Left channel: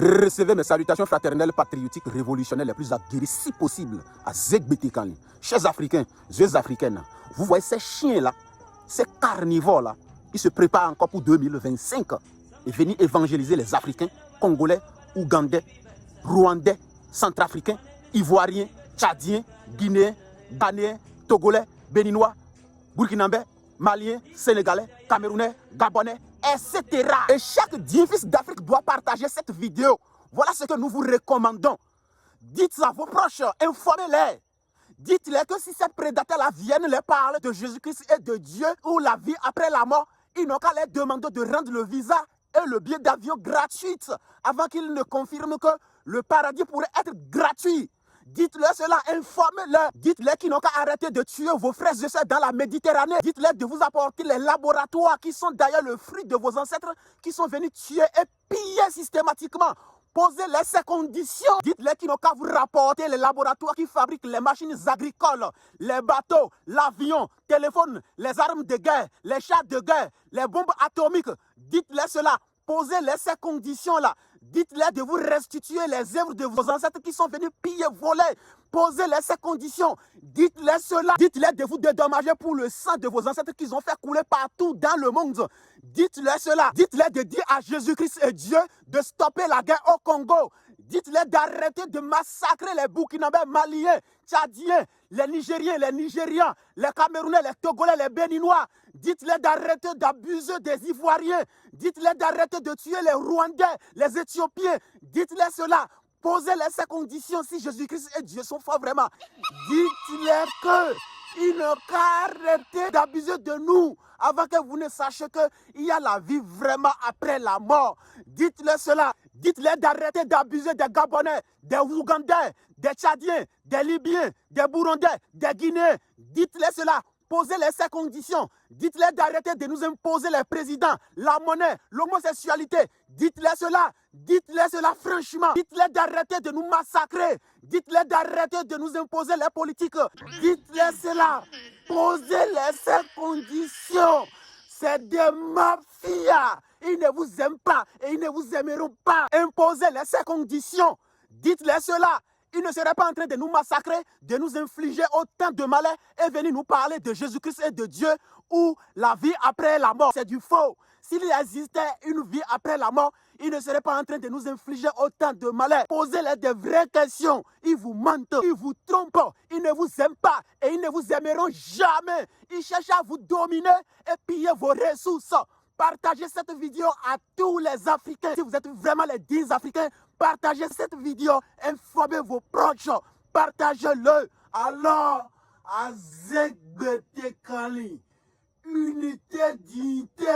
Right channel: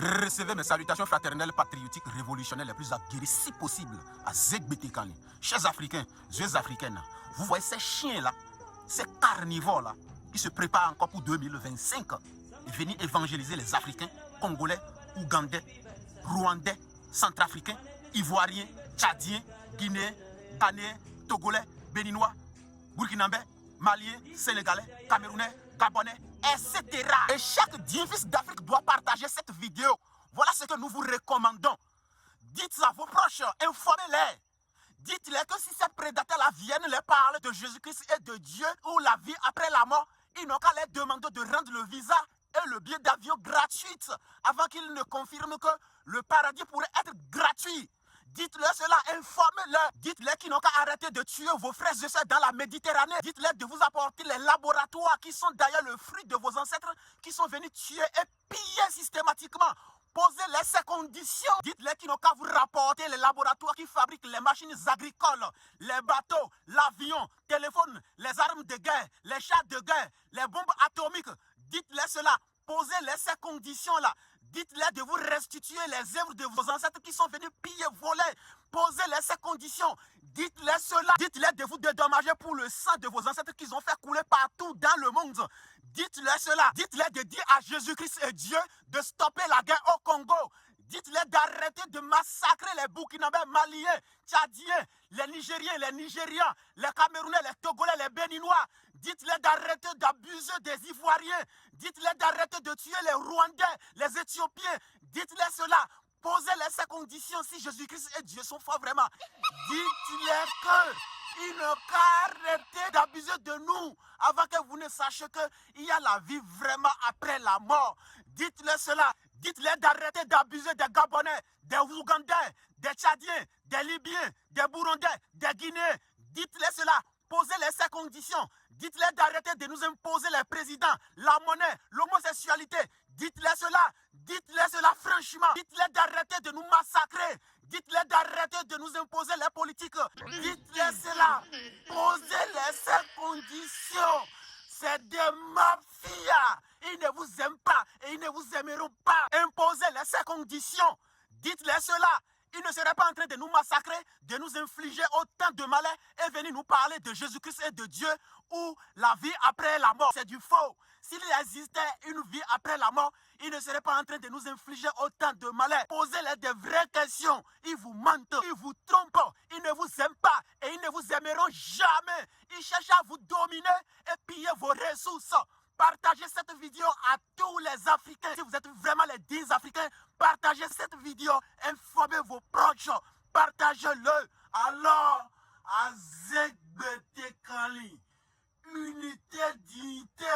Recevez mes salutations fraternelles, patriotiques, révolutionnaires les plus aguerries, si possible, à Zegbete Kanli. Chers Africains, jeunes Africaines, vous voyez ces chiens-là, ces carnivores-là, ils se préparent encore pour 2025 et venir évangéliser les Africains, Congolais, Ougandais, Rwandais, Centrafricains, Ivoiriens, Tchadiens, Guinéens, Ghanéens, Togolais, Béninois, Burkinabés, Maliens, Sénégalais, Camerounais, Gabonais, etc. Et chaque fils d'Afrique doit partager cette vidéo. Voilà ce que nous vous recommandons. Dites à vos proches, informez-les. Dites-les que si ces prédateurs-là viennent les parler de Jésus-Christ et de Dieu ou la vie après la mort, ils n'ont qu'à les demander de rendre le visa et le billet d'avion gratuit avant qu'ils ne confirment que le paradis pourrait être gratuit. Dites-leur cela, informez-leur. Dites-leur qu'ils n'ont qu'à arrêter de tuer vos frères et sœurs dans la Méditerranée. Dites-leur de vous apporter les laboratoires qui sont d'ailleurs le fruit de vos ancêtres qui sont venus tuer et piller systématiquement. Posez-les ces conditions. Dites-les qu'ils n'ont qu'à vous rapporter les laboratoires qui fabriquent les machines agricoles, les bateaux, l'avion, téléphone, les armes de guerre, les chars de guerre, les bombes atomiques. Dites-les cela. Posez-les ces conditions-là. Dites-les de vous restituer les œuvres de vos ancêtres qui sont venus piller, voler. Posez-les ces conditions. Dites-les cela. Dites-les de vous dédommager pour le sang de vos ancêtres qu'ils ont fait couler partout dans le monde. Dites-les cela. Dites-les de dire à Jésus-Christ et Dieu de stopper la guerre au Congo. Dites-les d'arrêter de massacrer les Burkinabés, Maliens, Tchadiens, les Nigériens, les Nigérians, les Camerounais, les Togolais, les Béninois. Dites-les d'arrêter d'abuser des Ivoiriens. Dites-les d'arrêter de tuer les Rwandais, les Éthiopiens. Dites-les cela. Posez-les ces conditions si Jésus-Christ et Dieu sont forts vraiment. Dites-les qu'ils n'ont qu'à arrêter d'abuser de nous avant que vous ne sachiez qu'il y a la vie vraiment après la mort. Dites-les cela. Dites-les d'arrêter d'abuser des Gabonais, des Ougandais, des Tchadiens, des Libyens, des Burundais, des Guinéens. Dites-les cela. Posez-les ces conditions. Dites-les d'arrêter de nous imposer les présidents, la monnaie, l'homosexualité. Dites-les cela. Dites-les cela franchement. Dites-les d'arrêter de nous massacrer. Dites-les d'arrêter de nous imposer les politiques. Dites-les cela. Posez-les ces conditions. C'est des mafias. Ils ne vous aiment pas et ils ne vous aimeront pas. Imposez-les ces conditions. Dites-les cela. Ils ne seraient pas en train de nous massacrer, de nous infliger autant de malheur et venir nous parler de Jésus-Christ et de Dieu ou la vie après la mort. C'est du faux. S'il existait une vie après la mort, ils ne seraient pas en train de nous infliger autant de malheur. Posez-les des vraies questions. Ils vous mentent, ils vous trompent, ils ne vous aiment pas et ils ne vous aimeront jamais. Ils cherchent à vous dominer et piller vos ressources. Partagez cette vidéo à tous les Africains. Si vous êtes vraiment les 10 Africains, partagez cette vidéo. Informez vos proches. Partagez-le. Alors, à Zegbete Kanli, unité, dignité.